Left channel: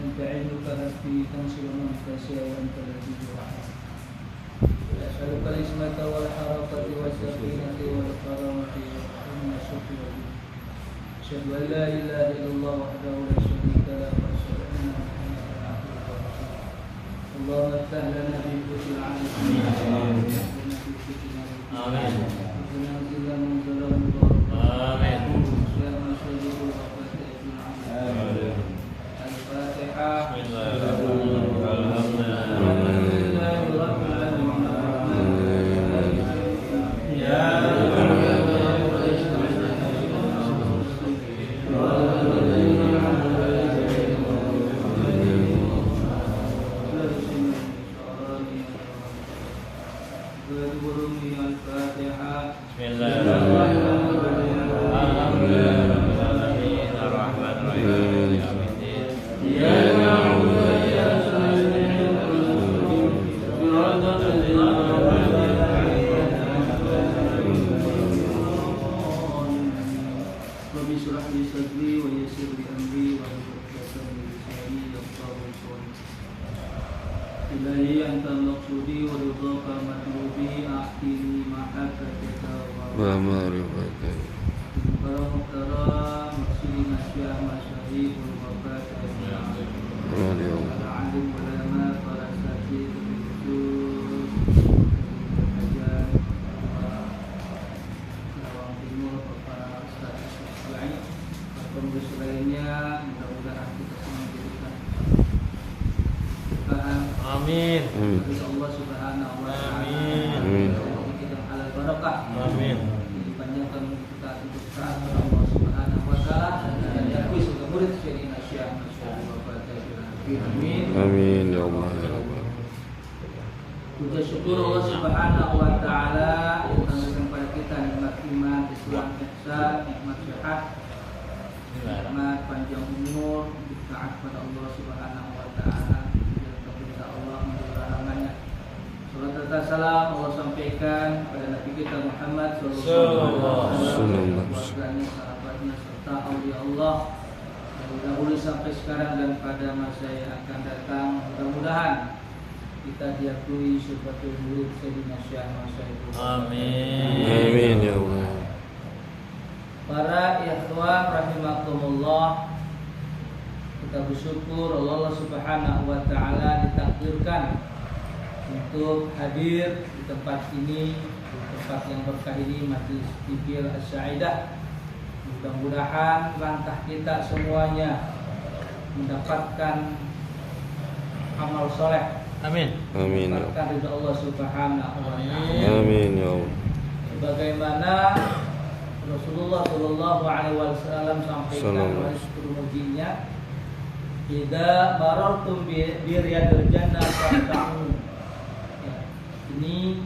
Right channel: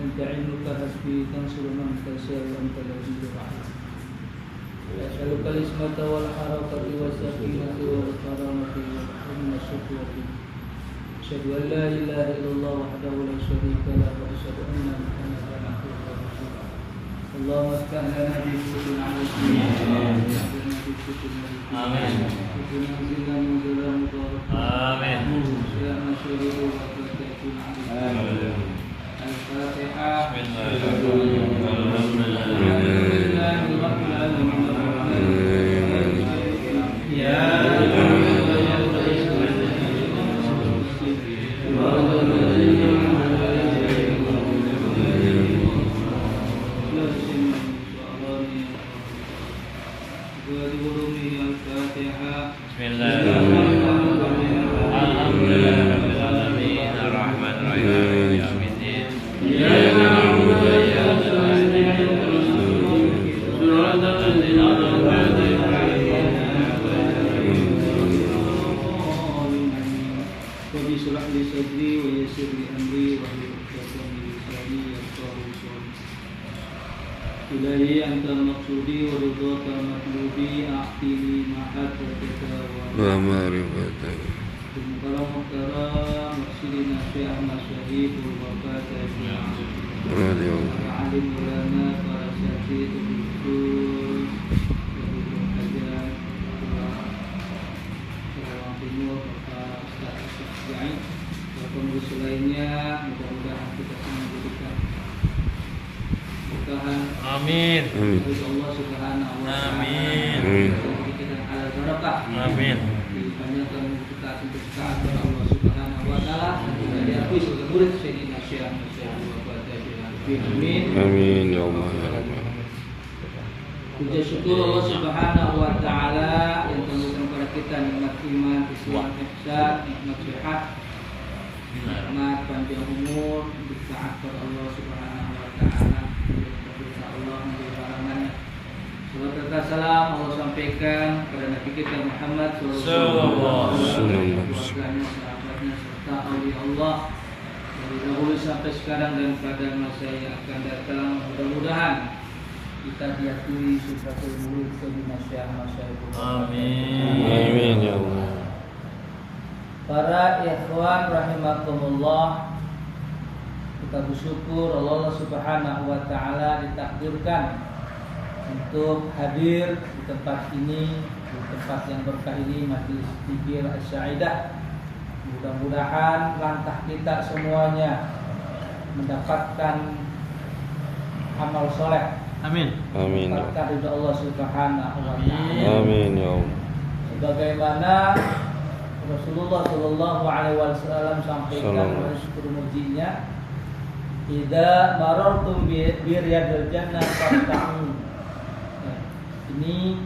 أنت علمك حسبي تنصر من تشاء وأنت الذي الرحيم أسألك العصمة والحرقة والسكينة والكرامة ومن الشكوى أشهد أن لا إله إلا الله وحده لا شريك له وأشهد أن محمدا عبده ورسوله اللهم افتح لنا بفتح على السماء آمين وتنزل منزلا مباركا آمين وسلام شهور وبركاته آمين الفاتحة بسم الله رب العالمين يا Amin ya Allah ya Rabbal. Puja syukur Allah Subhanahu wa taala yang telah memberikan kepada kita nikmat iman, Islam, ihsan, nikmat sehat, nikmat panjang umur, taat kepada Allah Subhanahu wa taala, kepada Allah menjadi rahmatnya. Salam serta salam Allah sampaikan kepada Nabi kita Muhammad sallallahu alaihi wasallam, keluarganya, sahabatnya serta aulia Allah dari dahulu sampai sekarang dan pada masa yang akan datang. Mudah-mudahan kita diakui sebagai murid Sayyidina Syekh Masyayikh. Amin. Amin ya Allah. Para ikhwan rahimakumullah, kita bersyukur Allah Subhanahu wa taala ditakdirkan untuk hadir di tempat ini, di tempat yang berkah ini, Majelis Zikir As-Sa'idah. Mudah-mudahan langkah kita semuanya mendapatkan amal soleh. Amin. Amin. Mendapatkan ridha Allah Subhanahu wa taala. Amin ya Allah. Bagaimana Rasulullah Shallallahu Alaihi Wasallam sampaikan oleh sekuritinya, "Idza marartum bi riyadil jannah farta'u." Ini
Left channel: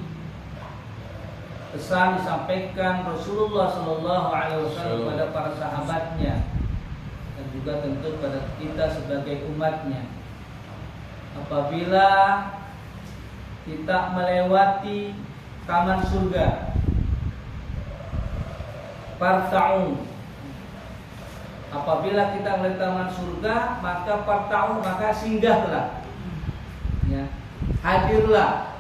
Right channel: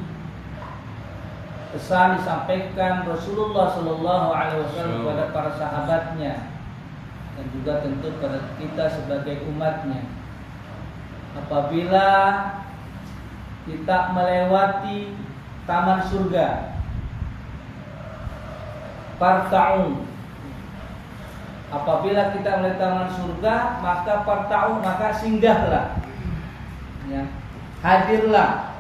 pesan disampaikan Rasulullah Shallallahu Alaihi Wasallam kepada para sahabatnya dan juga tentu kepada kita sebagai umatnya. Apabila kita melewati taman surga, farta'u. Apabila kita melewati taman surga, maka farta'u, maka singgahlah, ya, hadirlah.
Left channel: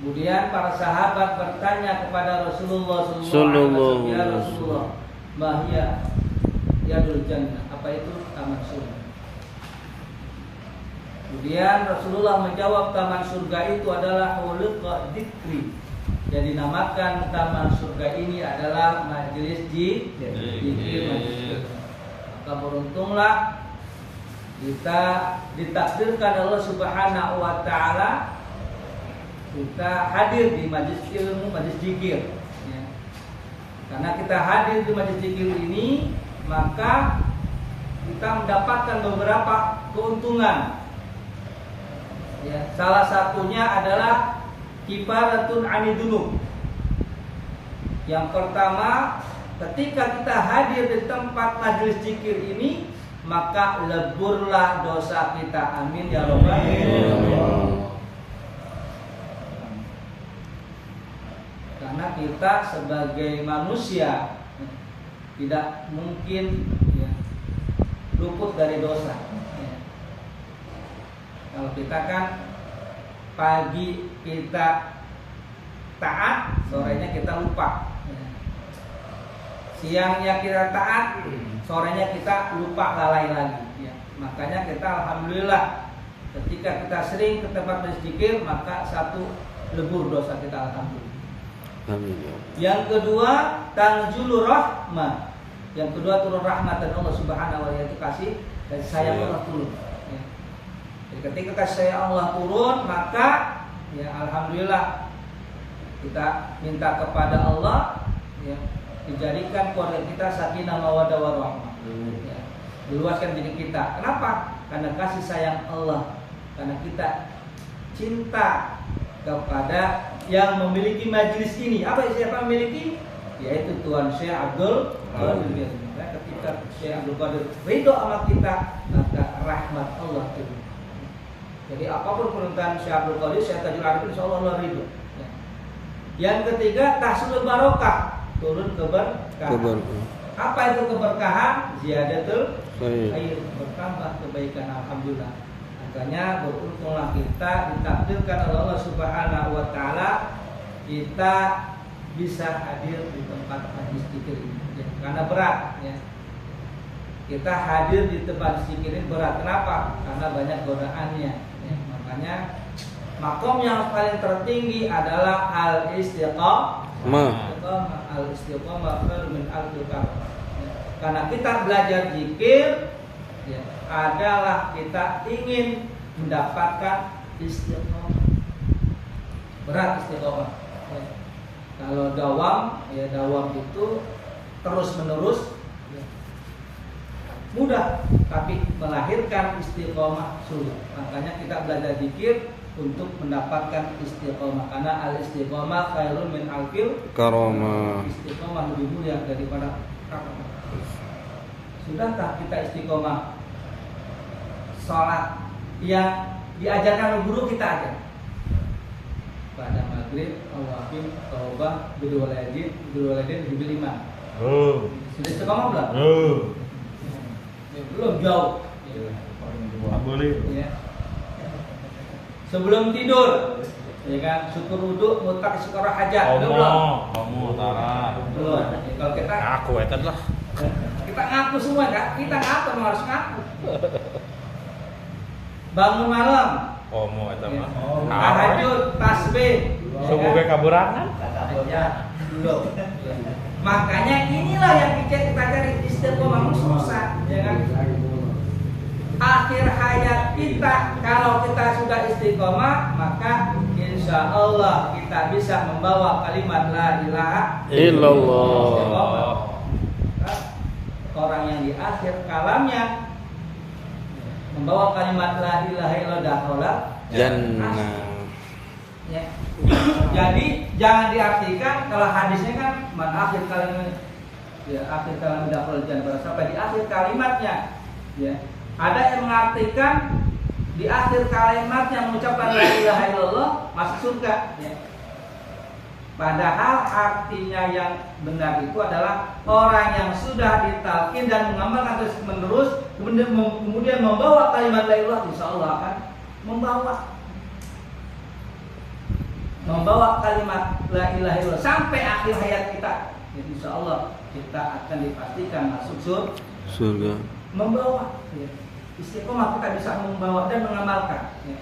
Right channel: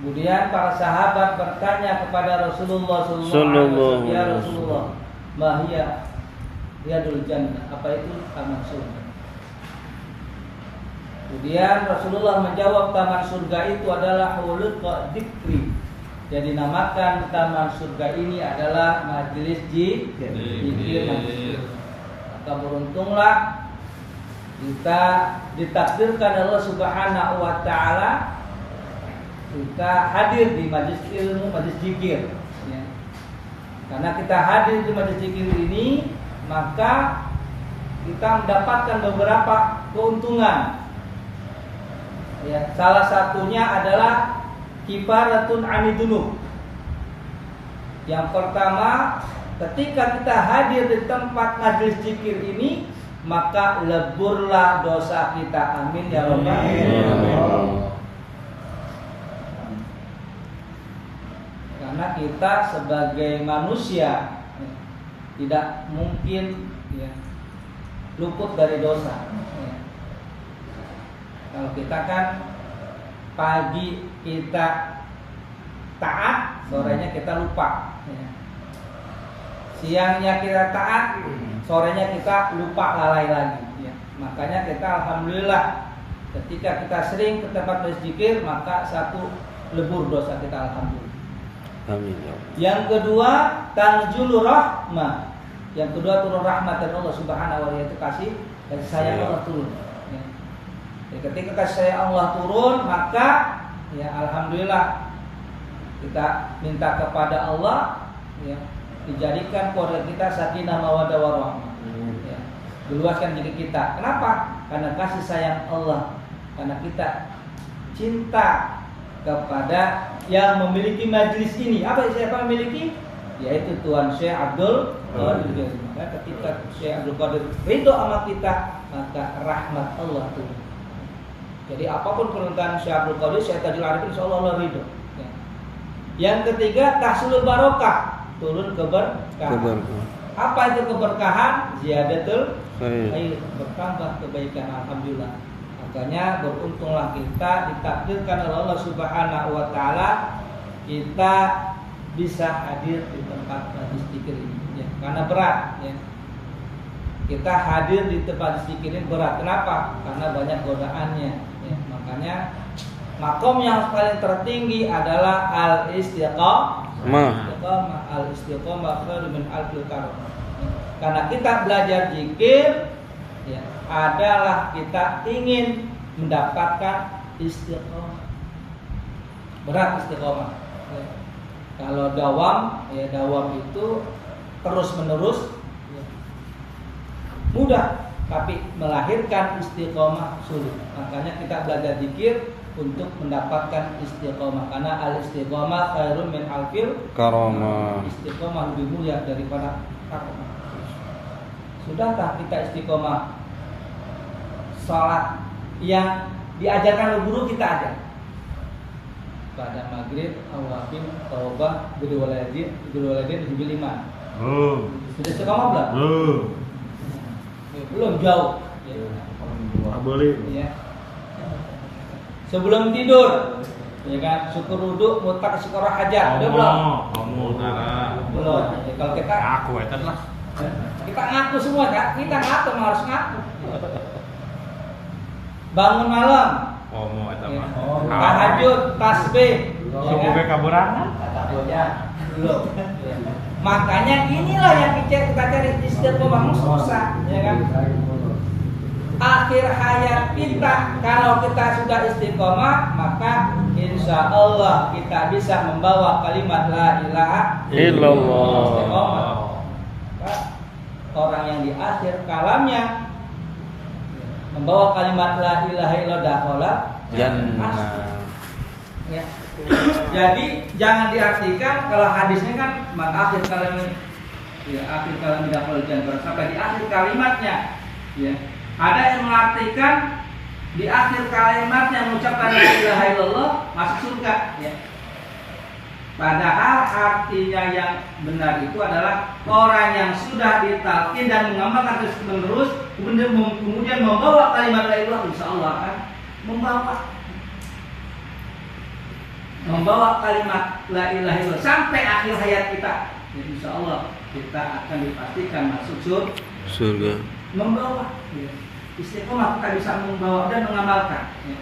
Kemudian para sahabat bertanya kepada Rasulullah SAW, "Ya Rasulullah, ma hiya riyadul jannah?" Apa itu taman surga? Kemudian Rasulullah menjawab, taman surga itu adalah hulqa dzikri. Jadi dinamakan taman surga ini adalah majelis zikir. Maka beruntunglah kita ditakdirkan Allah Subhanahu wa taala kita hadir di majelis ilmu, majelis zikir, ya. Karena kita hadir di majelis zikir ini, maka kita mendapatkan beberapa keuntungan. Ya, salah satunya adalah kifaratun anidunub. Yang pertama, ketika kita hadir di tempat majelis zikir ini, maka leburlah dosa kita. Amin ya rabbal alamin. Karena kita sebagai manusia tidak mungkin, ya, luput dari dosa. Kalau kita kan pagi kita taat, sorenya kita lupa. Siangnya kita taat, sorenya kita lupa, lalai lagi. Makanya kita alhamdulillah ketika kita sering ke tempat berzikir, maka satu lebur dosa kita, alhamdulillah. Amin ya Allah. Yang kedua, tanzulu rahmah. Yang kedua, turun rahmat dari Allah Subhanahu wa taala, kasih sayang Allah turun. Jadi ketika kasih sayang Allah turun, maka ya alhamdulillah kita minta kepada Allah ya, dijadikan keluarga kita sakinah mawaddah warahmah. Ya, meluaskan diri kita. Kenapa? Karena kasih sayang Allah. Karena kita cinta kepada yang memiliki majelis ini. Siapa memiliki? Yaitu Tuhan Syekh Abdul Qadir. Maka ketika Syekh Abdul Qadir ridho sama kita, maka rahmat Allah turun. Jadi apapun permintaan Syekh Abdul Qadir, Syekh Tajul Arifin, insyaallah Allah ridho. Ya. Yang ketiga, tahsulul barokah, turun keberkahan. Apa itu keberkahan? Ziyadatul khair, bertambah kebaikan, alhamdulillah. Makanya beruntunglah kita ditakdirkan oleh Allah Subhanahu wa taala kita bisa hadir di tempat majlis zikir ini ya, karena berat ya. Kita hadir di tempat zikir ini berat. Kenapa? Karena banyak godaannya ya. Makanya makom yang paling tertinggi adalah al-istiqamah. Al-istiqamah khairu min alfil karam. Karena kita belajar zikir ya, adalah kita ingin mendapatkan istiqomah. Berat istiqomah ya. Kalau dawam ya, dawam itu terus menerus ya, mudah, tapi melahirkan istiqomah sulit. Makanya kita belajar zikir untuk mendapatkan istiqomah. Karena al istiqomah khairun min alfil karamah. Istiqomah lebih mulia daripada karamah. Sudahkah kita istiqomah sholat yang diajarkan oleh guru kita aja? Pada maghrib, awabin, taubah, guru walaidin, hibil iman. Sudah istiqomah belum? Belum, jauh. Boleh. Ya. Sebelum tidur, ya kan, syukur wudu, mutak syukur hajat. Belum? Belum. Ya, kalau kita aku ya kan lah. Kita ngaku semua kan? Kita ngaku, harus ngaku. Bangun malam. Tahajud, tasbih. Semoga kaburangan. Belum. Makanya inilah yang kita cari istiqomah, susah, ya kan? Akhir hayat kita, kalau kita sudah istiqomah, maka insya Allah kita bisa membawa kalimat la ilaha illallah. Orang yang di akhir kalamnya membawa kalimat la ilaha illallah jannah. Ya. Jadi jangan diartikan kalau hadisnya kan man akhir kalimat ya akhir kalimat dakhala jannah sampai di akhir kalimatnya ya. Ada yang mengartikan di akhir kalimatnya mengucapkan la ilaha illallah masuk surga ya. Padahal artinya yang benar itu adalah orang yang sudah ditalkin dan mengamalkan terus menerus kemudian membawa kalimat la ilaha illallah, insya Allah akan membawa kalimat la ilaha illallah sampai akhir hayat kita. Jadi insya Allah kita akan dipastikan masuk surga. Membawa ya. Istiqomah kita bisa membawa dan mengamalkan ya.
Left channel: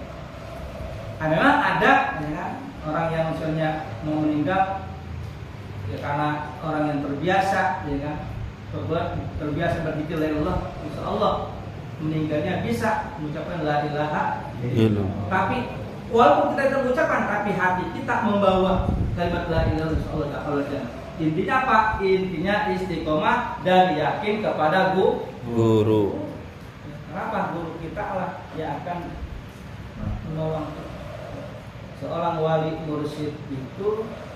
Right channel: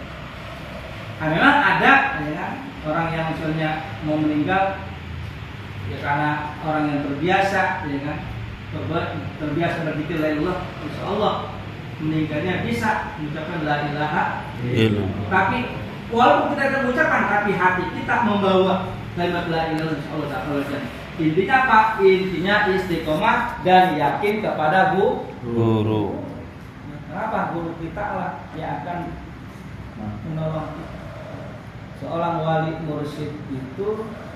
Nah, memang ada ya, orang yang misalnya mau meninggal ya karena orang yang terbiasa ya kan terbiasa berzikir la ilaha, insya Allah meninggalnya bisa mengucapkan la ilaha illallah. Tapi walaupun kita tidak mengucapkan, tapi hati kita membawa kalimat la ilaha illallah, insya Allah tak kalah. Intinya apa? Intinya istiqomah dan yakin kepada guru. Kenapa? Guru kita lah yang akan menolong kita. Seorang wali mursyid itu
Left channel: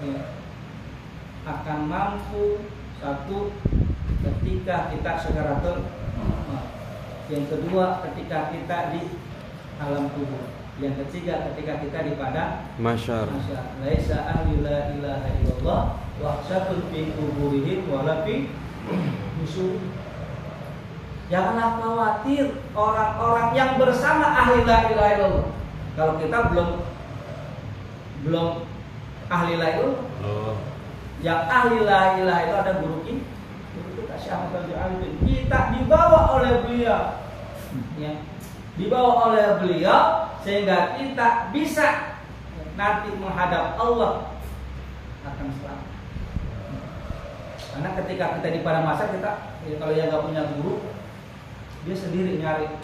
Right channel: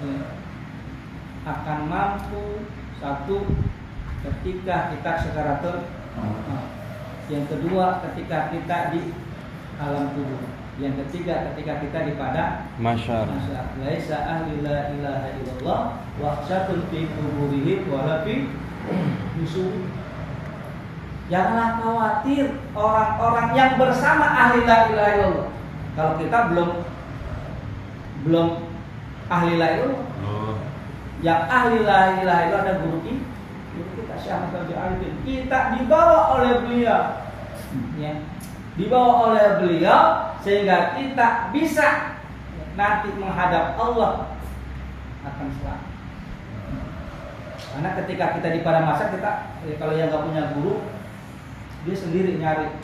ya, akan mampu satu ketika kita sekaratul yang kedua ketika kita di alam kubur, yang ketiga ketika kita di padang mahsyar. Laisa ahli la ilaha illallah wa satun fi quburihim wa la fi nusur. Janganlah khawatir orang-orang yang bersama ahli la ilaha illallah. Kalau kita belum ahli la ilaha illallah. Yang ahli la ilaha illallah ada guru kita Syekh Ahmad Al-Arifin. Kita dibawa oleh beliau. Ya. Dibawa oleh beliau sehingga kita bisa nanti menghadap Allah akan selamat. Karena ketika kita di pada masa kita kalau yang nggak punya guru dia sendiri nyari.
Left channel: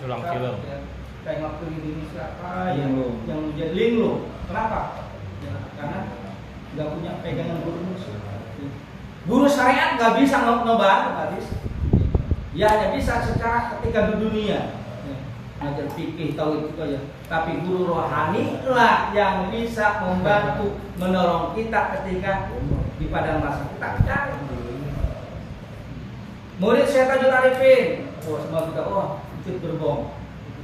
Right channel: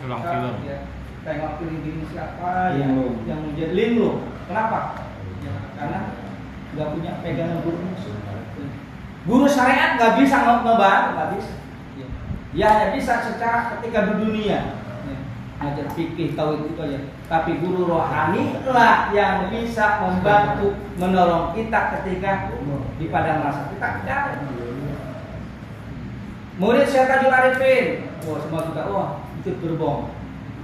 Ya, tengok ini siapa yang menjadi linglung. Kenapa? Ya, karena nggak punya pegangan guru musuh. Guru syariat nggak bisa ngebantu, nggak bisa. Dia hanya bisa secara ketika di dunia. Ngajar fikih tahu itu aja. Tapi guru rohani lah yang bisa membantu menolong kita ketika di padang masa kita cari. Murid Syekh Tajul Arifin, semua kita itu gerbong,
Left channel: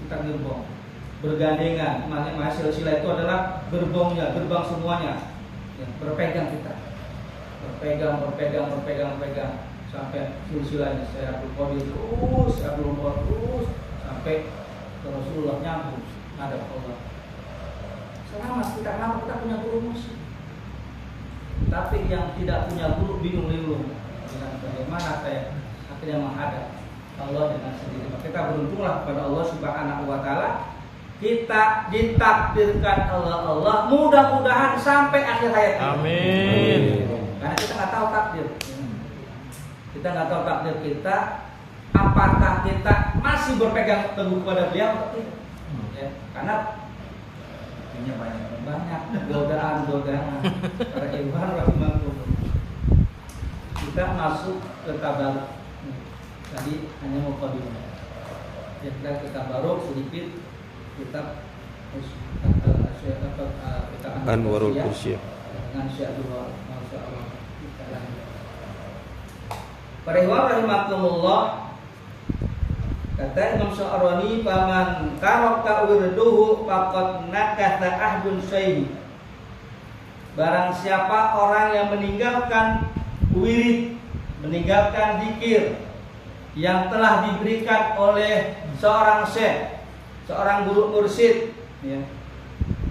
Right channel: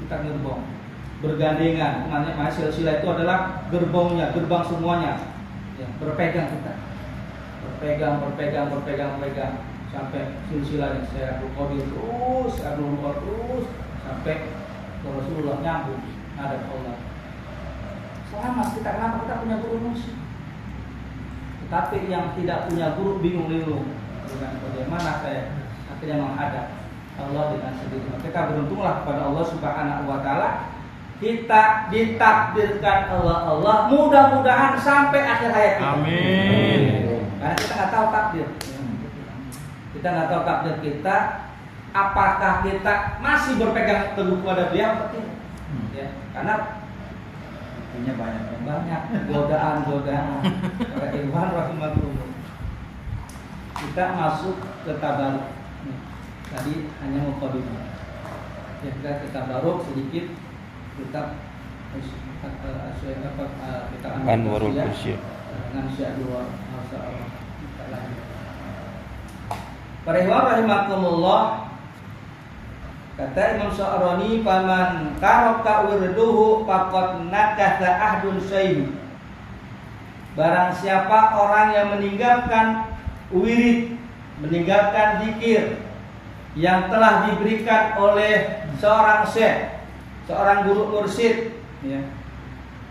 kita gerbong bergandengan. Makanya silsilah itu adalah gerbongnya, gerbang semuanya. Ya, berpegang kita, berpegang sampai silsilahnya saya Abdul Qadir terus, Abdul Nur terus sampai Rasulullah nyambung ada Allah. Selamat kita, kenapa kita punya guru musuh? Tapi yang tidak punya guru bingung-bingung dengan bagaimana saya akhirnya menghadap Allah dengan sendiri. Maka kita beruntunglah kepada Allah Subhanahu wa taala. Kita ditakdirkan Allah mudah-mudahan sampai akhir hayat kita. Amin. Karena kita nggak tahu takdir. Kita nggak tahu takdir kita. Apakah kita masih berpegang teguh kepada beliau atau tidak? Ya, karena ini banyak godaan. Para ikhwan rahimahullah. Kita masuk ke tabaruk. Tadi hanya mukadimah. Ya, kita tabaruk sedikit kita Anwarul Qudsi. dengan sya'dua masyaallah kita lanjut. Para ikhwan rahimakumullah. Kata Imam Sya'rani, "Faman taraka wirduhu faqad nakatha ahdun syaihi." Barang siapa orang yang meninggalkan wirid, meninggalkan zikir yang telah diberikan oleh seorang syekh, seorang guru mursyid, ya.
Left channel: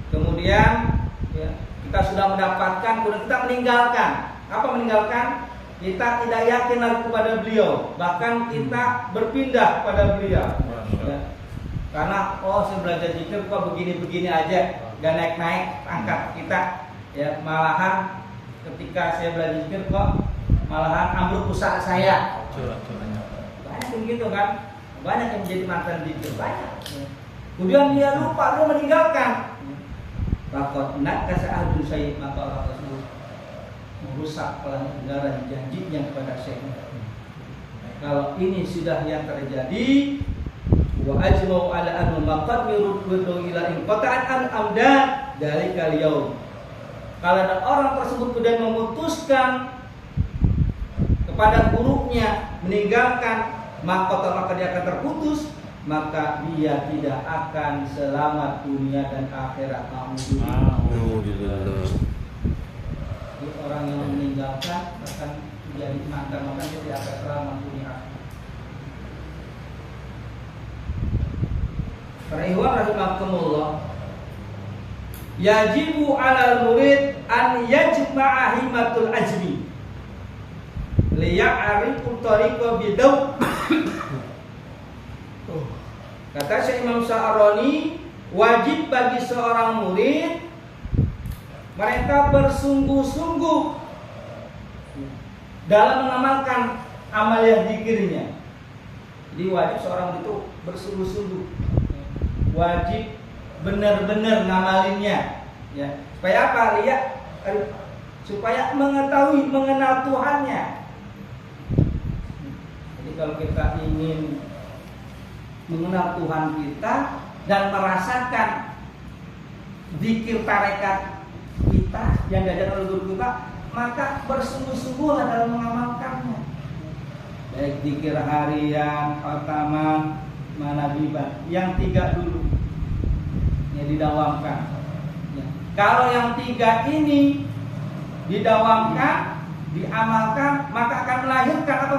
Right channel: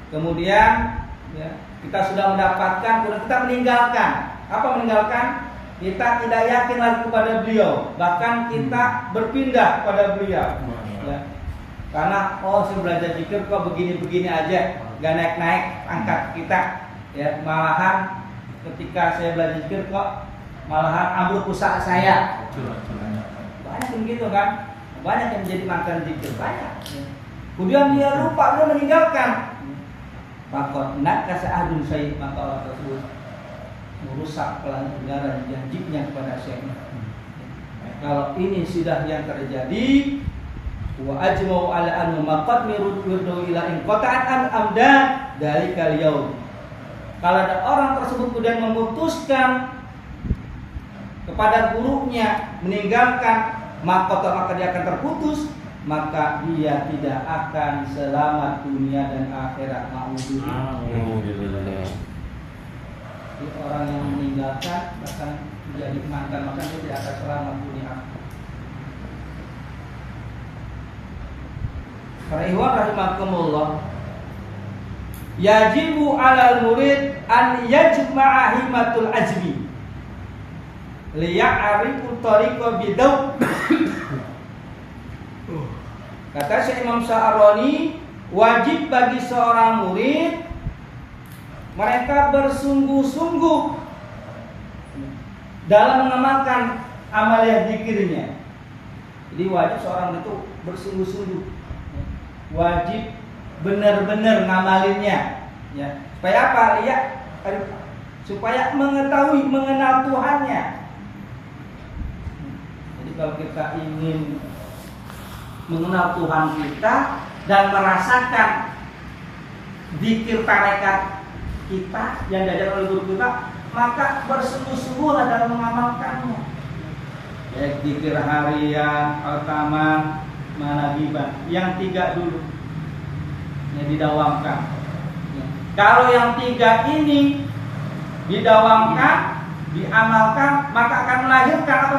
Kemudian ya, kita sudah mendapatkan, kemudian kita meninggalkan. Apa meninggalkan? Kita tidak yakin lagi kepada beliau, bahkan kita berpindah kepada beliau. Ya. Karena saya belajar zikir kok begini-begini aja, gak naik-naik angkat kita. Ya, malahan ketika saya belajar zikir kok malahan ambruk usaha saya. Banyak yang gitu kan, banyak yang menjadi mantan zikir, banyak. Kemudian dia lupa, dia meninggalkan. Takut nak kasih ahdun saya, maka orang tersebut merusak pelanggaran janjinya kepada syekh. Kalau ini sudah yang terjadi, wa ajma'u ala an maqad miruddu ila in qata'at an amda dari kaliau. Kalau ada orang tersebut kemudian memutuskan kepada gurunya meninggalkan, maka dia akan terputus, maka dia tidak akan selamat dunia dan akhirat. Alhamdulillah. Orang yang meninggalkan bahkan menjadi mantan, maka dia tidak akan selamat dunia. Para ikhwan rahimakumullah, yajibu 'alal murid an yajma'a himmatul ajmi liya'rifu tariqa bidaw. Kata Syekh Imam Sya'rani, wajib bagi seorang murid mereka bersungguh-sungguh dalam mengamalkan amaliyah zikirnya. Jadi wajib seorang itu bersungguh-sungguh, wajib benar-benar ngamalinnya, ya. Supaya apa? Lihat, supaya mengetahui, mengenal Tuhannya. Jadi kalau kita ingin mengenal Tuhan kita dan merasakan zikir tarekat kita yang diajar oleh guru kita, maka bersungguh-sungguhlah dalam mengamalkannya. Baik zikir harian, khataman, manabiban, yang 3 dulu yang didawamkan. Ya. Kalau yang 3 ini didawamkan, diamalkan, maka akan melahirkan apa?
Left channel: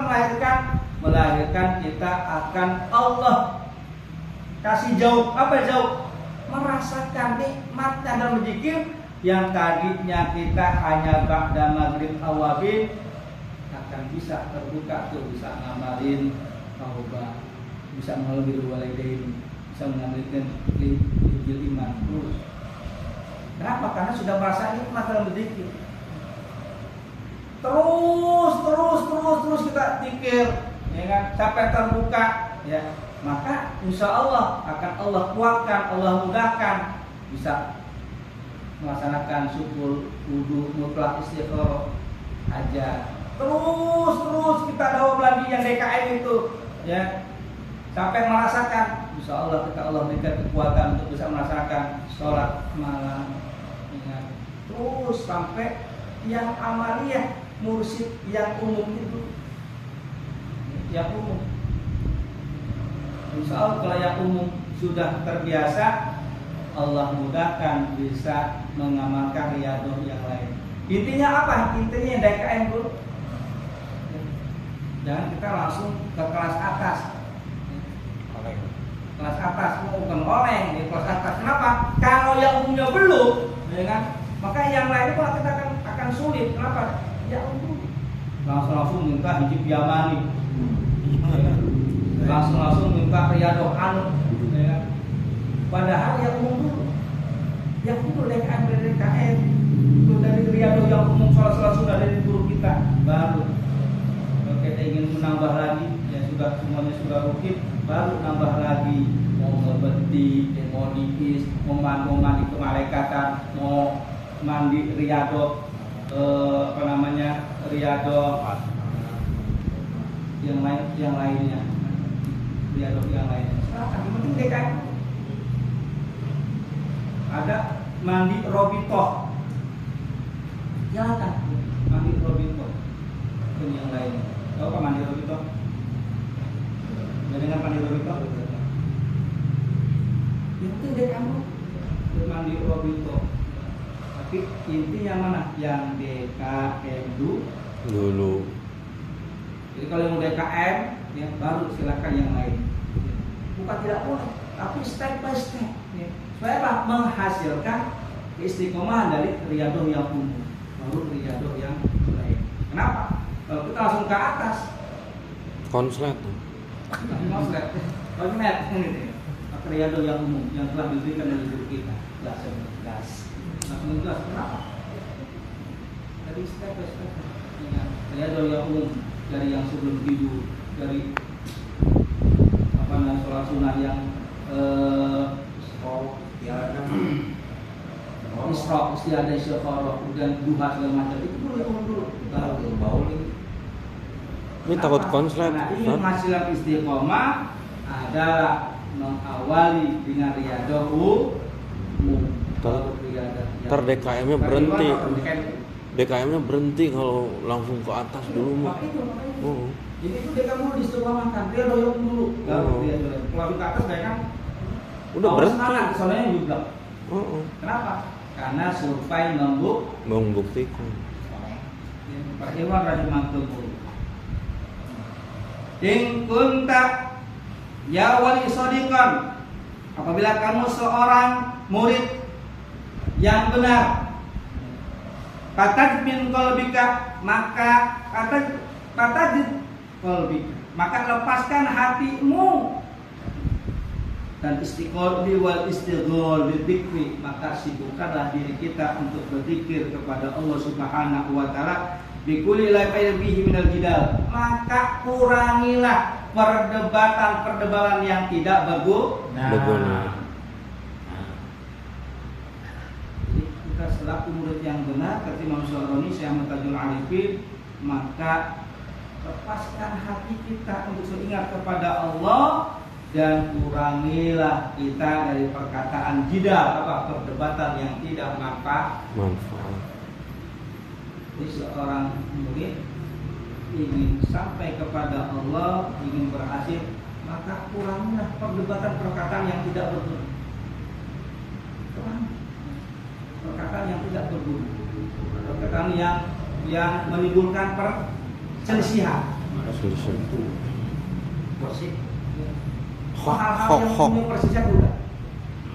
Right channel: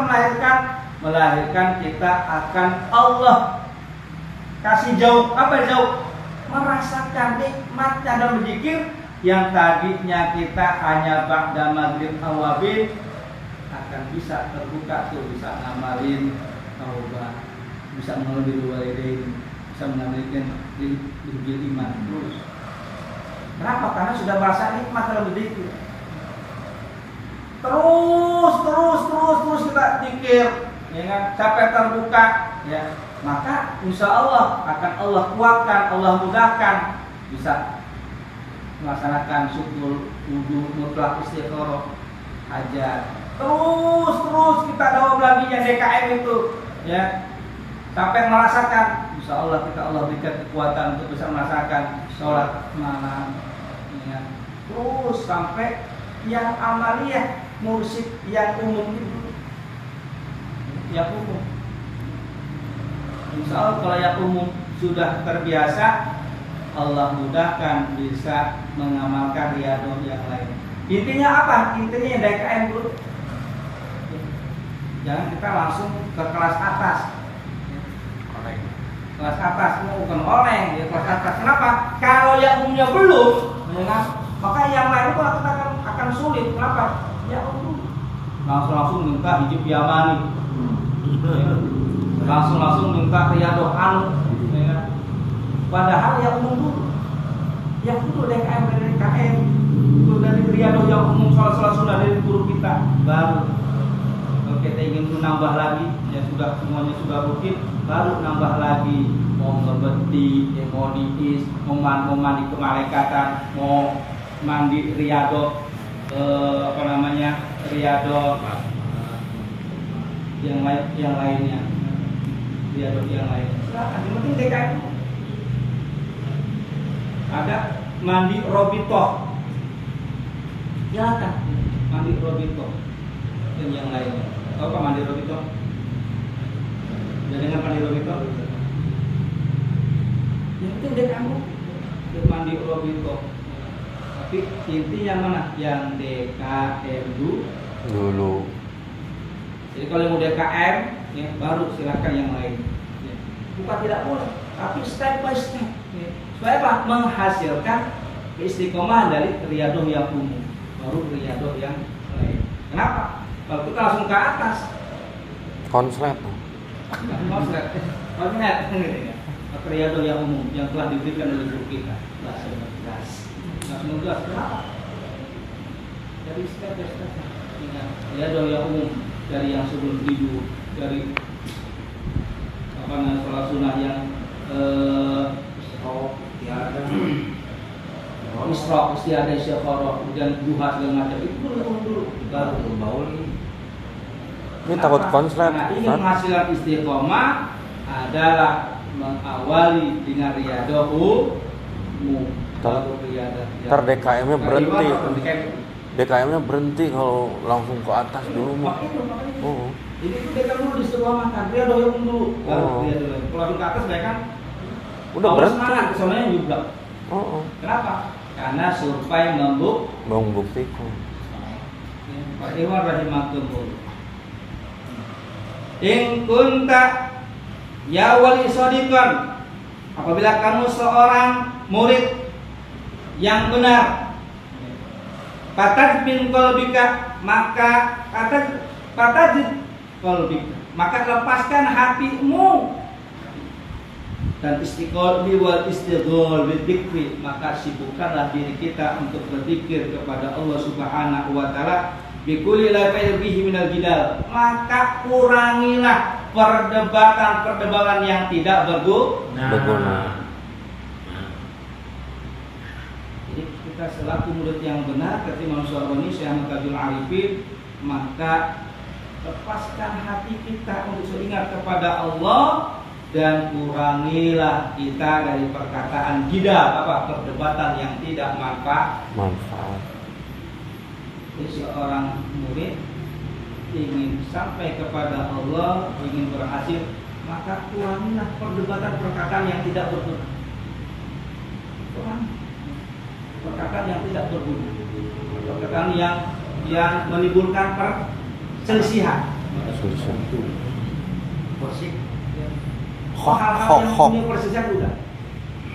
melahirkan kita akan Allah kasih jauh. Apa jauh? Merasakan nikmatnya dalam berzikir yang tadinya kita hanya ba'da maghrib awabin akan bisa terbuka tuh, bisa ngamalin taubat, bisa mengalir walidain, bisa mengamalkan hijil iman terus. Kenapa? Karena sudah merasa nikmat dalam berzikir. Terus kita zikir, ya kan? Sampai terbuka, ya. Maka insya Allah akan Allah kuatkan, Allah mudahkan bisa melaksanakan syukur, wudu, mutlak, istiqoroh, hajat. Terus kita dalam lagi yang DKM itu, ya. Sampai merasakan, insya Allah Allah berikan kekuatan untuk bisa merasakan sholat malam, ya. Terus sampai yang amaliyah, mursyid yang umum itu, yang umum. Insya Allah kalau yang umum sudah terbiasa, Allah mudahkan bisa mengamalkan riyadhah yang lain. Intinya apa? Intinya yang DKM dulu. Jangan kita langsung ke kelas atas. Kelas atas bukan oleng, ya, kelas atas. Kenapa? Kalau yang umumnya belum, ya kan? Maka yang lain itu akan sulit. Kenapa? Ya umum. Langsung minta hijab yamani. Langsung minta riyadhah anu, ya kan? Padahal yang umum dulu. Yang dulu DKM dari DKM, itu dari riyadhah yang umum salah sunnah dari guru kita. Baru kalau kita ingin nambah lagi, ya sudah semuanya sudah rutin, baru nambah lagi. Mau ngebeti, mau diis, mau mandi kemalekatan, mau mandi riyadhah, riyadhah yang lainnya, riyadhah yang lainnya. Silakan, yang penting DKM. Ada mandi robitoh, silakan mandi robitoh dan yang lainnya. Tahu apa mandi robitoh? Jangan mandi robitoh. Yang penting DKM mandi robitoh. Tapi intinya mana? Yang DKM dulu. Jadi kalau mau DKM, ya, baru silakan yang lain. Ya. Bukan tidak boleh, tapi step by step. Ya. Supaya apa? Menghasilkan istiqomah dari riyadhah yang umum, baru riyadhah yang lain. Kenapa? Kalau kita langsung ke atas, konslet. Konslet, riyadhah yang umum yang telah diberikan oleh guru kita. Langsung jelas. Kenapa? Dari step by step. Riyadhah yang umum dari yang sebelum tidur, dari sholat sunnah yang Isra, usia ada istiqoroh, kemudian duha segala macam itu dulu baru. Ini takut konslet. Nah, ingin menghasilkan istiqomah adalah mengawali dengan riyadhah umum. Ntar DKM-nya berhenti. DKM-nya berhenti kalau langsung ke atas dulu. Jadi itu DKM dulu istiqomahkan, riyadhah yang umum dulu. Baru riyadhah lagi. Kalau ke atas mereka udah berhenti. Kesamanya juga. Kenapa? Karena survei membuktikan. Pak Iwan rahimahullah. In kunta ya wali sadiqan, apabila kamu seorang murid yang benar, patad min qalbika, maka maka lepaskan hatimu dan istiqomah wal istighol bidzikri, maka sibukkanlah diri kita untuk berzikir kepada Allah Subhanahu wa taala bikulli la bihi minal jidal, maka kurangilah perdebatan yang tidak berguna. Jadi kita selaku murid yang benar kata Imam Syaroni Syekh Mutajul Arifin, maka lepaskan hati kita untuk seingat kepada Allah dan kurangilah kita dari perkataan jidal, perdebatan yang tidak manfaat. Jadi seorang murid ingin sampai kepada Allah, ingin berhasil, maka kurangilah perdebatan perkataan yang tidak berguna. Perkataan yang tidak berguna, perkataan yang menimbulkan perselisihan. bersih. Hal-hal yang punya persisnya udah.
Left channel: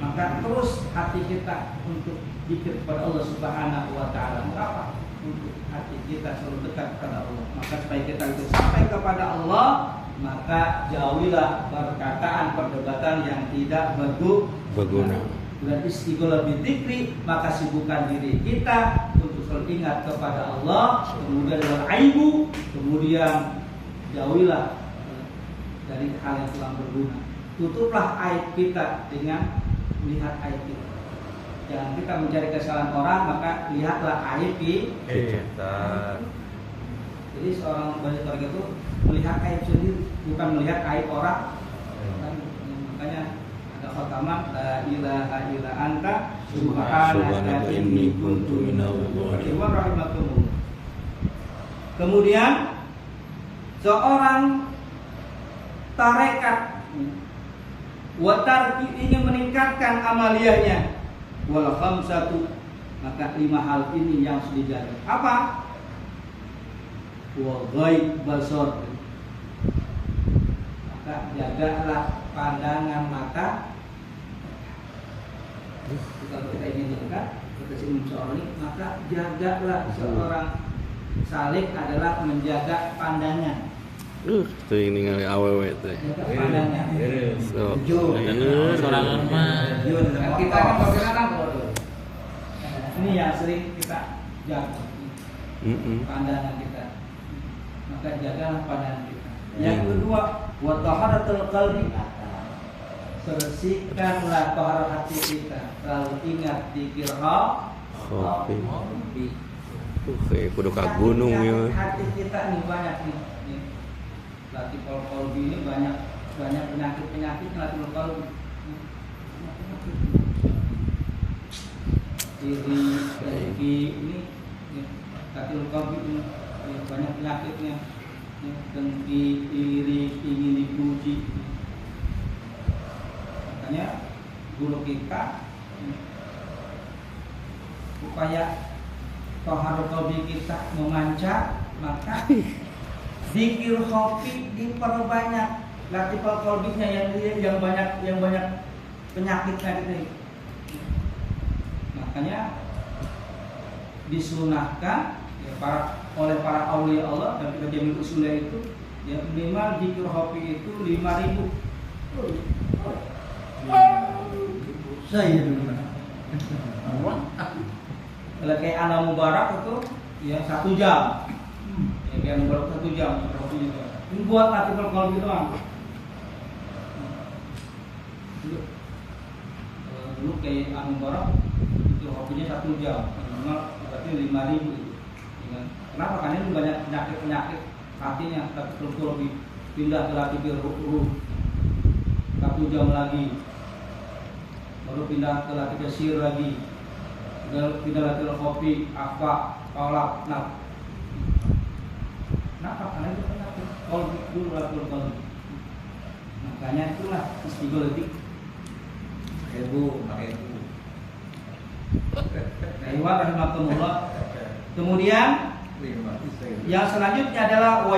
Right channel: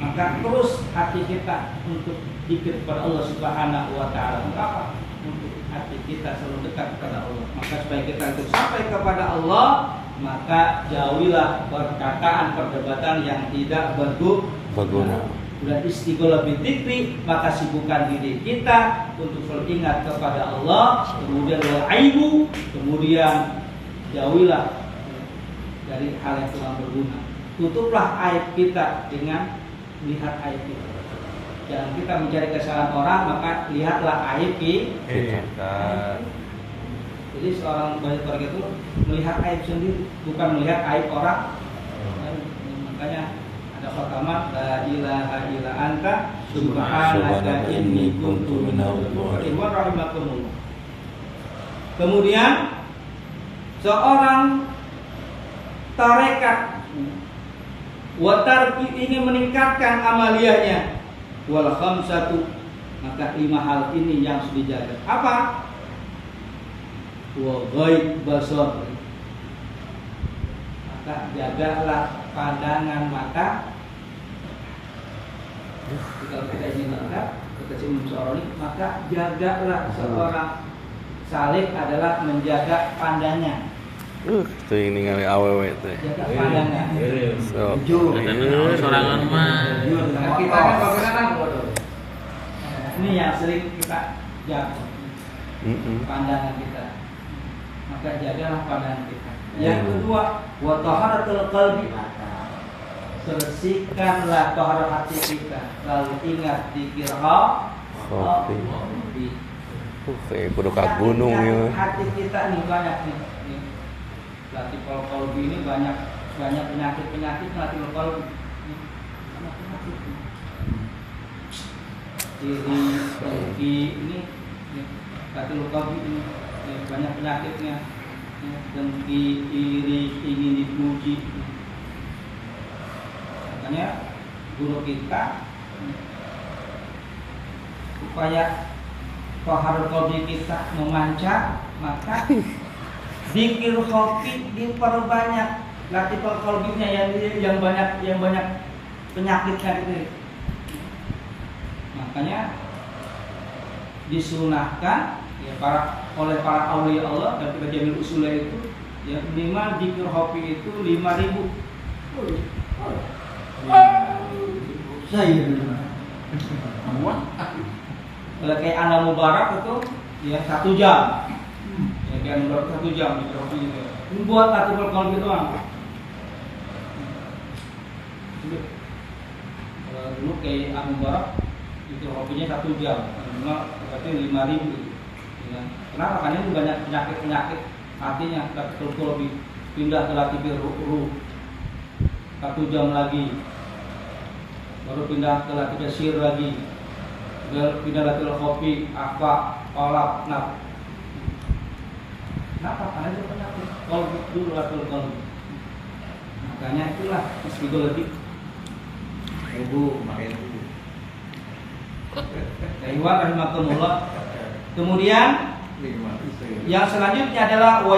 Maka terus hati kita untuk zikir kepada Allah Subhanahu wa taala. Untuk apa? Untuk hati kita selalu dekat kepada Allah. Maka supaya kita itu sampai kepada Allah, maka jauhilah perkataan perdebatan yang tidak berguna. Dan istighfar bidzikri, maka sibukkan diri kita untuk selalu ingat kepada Allah. Kemudian wal aibu, kemudian jauhilah dari hal yang kurang berguna. Tutuplah aib kita dengan melihat aib kita. Jangan kita mencari kesalahan orang, maka lihatlah aib kita. Jadi seorang belajar itu melihat aib sendiri, bukan melihat aib orang. Makanya ada khataman la ilaha illa anta subhanaka inni kuntu minadz dzalimin. Kemudian seorang tarekat watarki ingin meningkatkan amaliyahnya wal khamsatu, maka 5 hal ini yang harus dijaga. Apa? Wa ghaib basar, maka jagalah pandangan mata. Kalau kita ingin dekat kepada seorang, maka jagalah seorang salik adalah menjaga pandangan. Tuh ini ngali awewe itu. Jaga pandangan. So, Ini sorangan mah. Kita kan bagaimana bodoh. Ini yang sering kita jaga. Pandangan kita. Maka jagalah pandangan kita. Yang kedua, wa taharatul qalbi. Bersihkanlah tahara hati kita. Lalu ingat zikir Rabbi. Kayak kudu ka gunung ya. Hati kita nih banyak nih. Latiful qalbi ini banyak penyakit latiful qalbi. Dengki ini latiful qalbi ini banyak penyakitnya. Dengki, iri, ingin dipuji. Makanya guru kita supaya tahara qalbi kita memancar, maka zikir kopi diperbanyak, latiful qalbinya yang banyak penyakitnya itu. Makanya disunahkan ya oleh para aulia Allah dan kita jamil usulnya itu ya minimal zikir kopi itu 5.000. Saya dulu. Kalau kayak Ana Mubarak itu ya 1 jam. Ya kan nomor 1 jam kopi itu. Ini buat latiful qalbi doang. Dulu kayak Ana Mubarak itu kopinya 1 jam. Minimal berarti 5.000. Ya. Kenapa? Karena itu banyak penyakit hatinya, tapi kalau lebih pindah ke latiful ruh 1 jam lagi, baru pindah ke latiful sir lagi, pindah latiful kopi, apa, kolak, nah. Kenapa? Karena itu penyakit. Kalau dulu latiful qalbi. Makanya itulah istighfar. Ibu, rahimahumullah. Kemudian yang selanjutnya adalah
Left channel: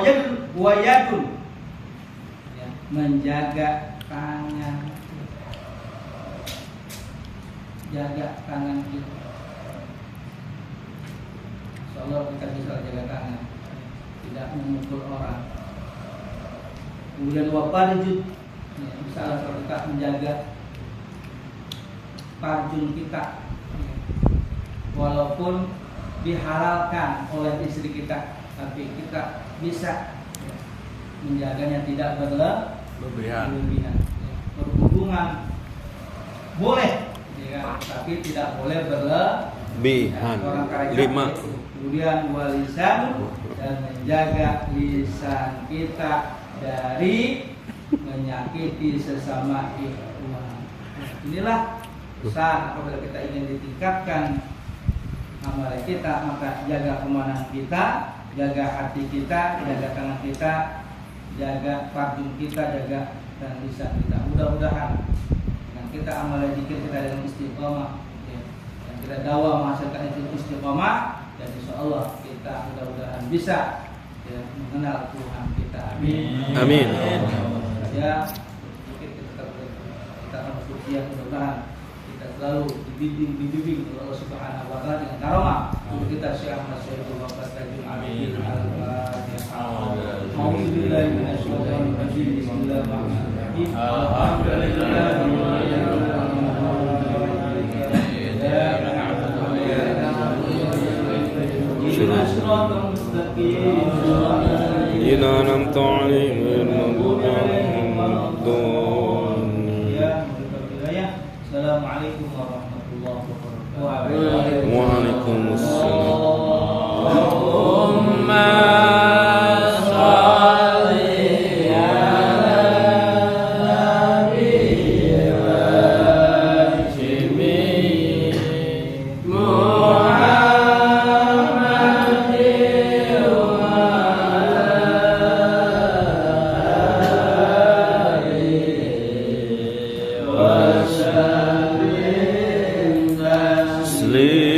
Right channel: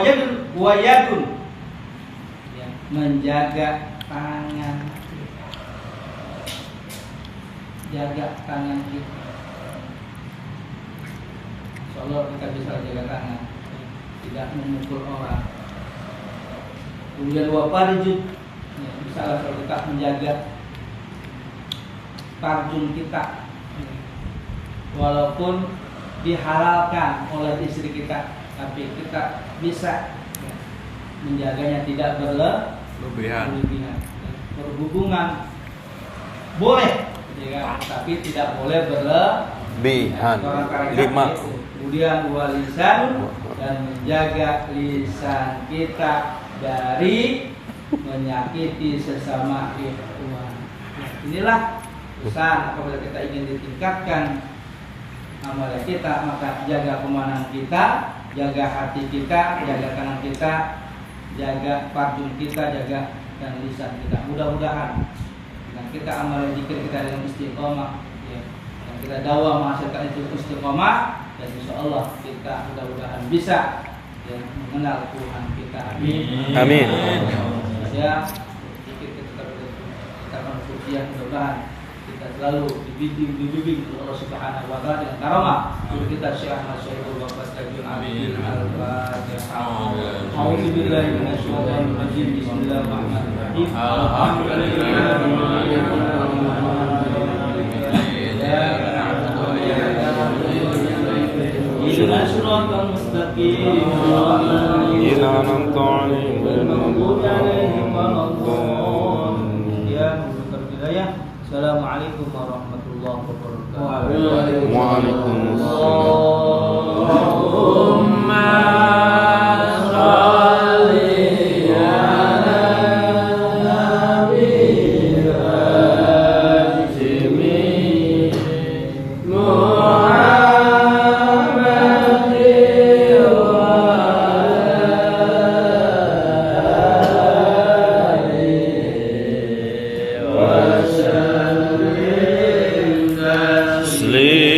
wayadun, ya, menjaga tangan, jaga tangan kita. Insyaallah kita bisa jaga tangan, tidak memukul orang. Kemudian wafarijud, ya, bisa kita menjaga farjun kita, walaupun dihalalkan oleh istri kita, tapi kita bisa menjaganya tidak berlebihan. Berhubungan boleh, ya, tapi tidak boleh berlebihan. Kemudian walisan, dan menjaga lisan kita dari menyakiti sesama ikhwan. Inilah besar apabila kita ingin ditingkatkan amal kita, maka jaga pemandangan kita, jaga hati kita, jaga tangan kita, jaga farjun kita, jaga dan lisan kita. Mudah-mudahan dengan kita amal zikir kita dengan istiqomah, ya, dan kita dakwah menghasilkan itu istiqomah, dan insyaallah kita mudah-mudahan bisa ya, mengenal Tuhan kita. Amin. Amin. ya. Sedikit kita akan rupiah, mudah-mudahan kita selalu dibimbing oleh Allah Subhanahu wa taala dengan karamah guru kita Syekh Ahmad Syaikh Bapak Tajul Abidin Al-Fatihah. A'udzu billahi minasyaitonir rajim. Bismillahirrahmanirrahim. Assalamualaikum warahmatullahi wabarakatuh. Muslim